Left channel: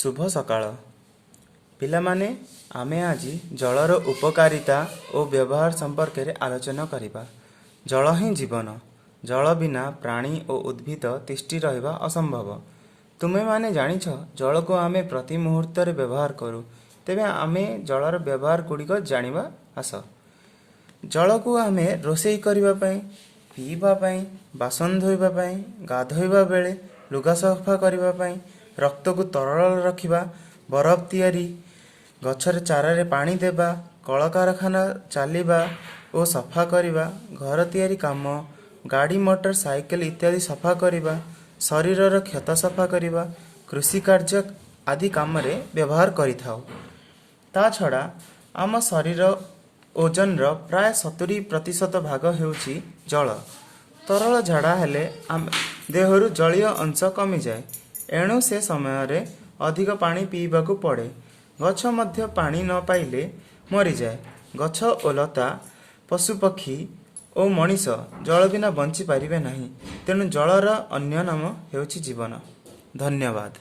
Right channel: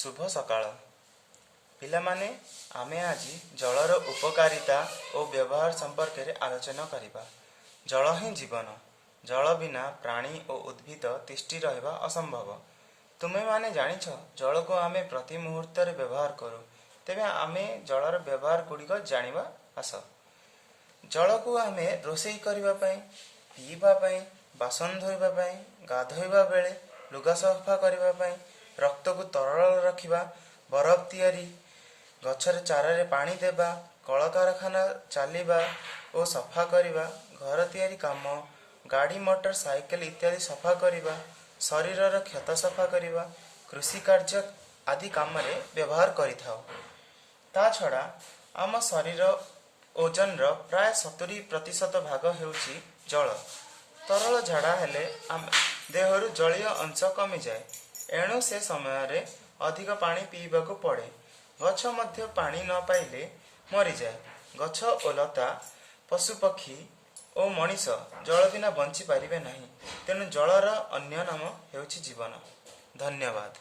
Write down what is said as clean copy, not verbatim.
शुभ सकाळ पिलामाने आमे आज जलर उपकारिता और व्यवहार संपर्क में आलोचना करिबा। जल ही जीवन। जल बिना प्राणी और उद्भिद तिष्ठि रहिबा असंभव। तुमे माने जानिछ जल को आमे प्रति मुहूर्त रे व्यवहार करू। तेबे आमे जलर व्यवहार गुड़िक जानिबा आस। जल को आमे रोषेई करिबा पई, पीबा पई, बासन धोइबा पई, गाधोइबा बेले, लुगा सफा करिबा पई, रक्त को तरल रखिबा, बरफ तैयारी, गछर चारा पानी देबा, कल कारखाना चलिबा और सफा करिबा, घर तैयारी काम, गाड़ी मोटर साइकेल इत्यादि सफा करिबा, शरीर क्षत सफा करिबा, कृषि कार्य आदि काम रे व्यवहार करिथाउ। ता छड़ा आम शरीर ओजन प्राय 70% भाग हेउची जल। तरल झाड़ा हेले देहरु जलीय अंश कमी जाए, एणु से समय रे अधिक पानी पीवा को पड़े। गछ मध्य पानी न पाइले मरी जाए। गछ ओ लता, पशुपक्षी और मनीष जल बिना बंची पारिबे नहीं। तेणु जलर अन्य नाम हेउची जीवन। धन्यवाद।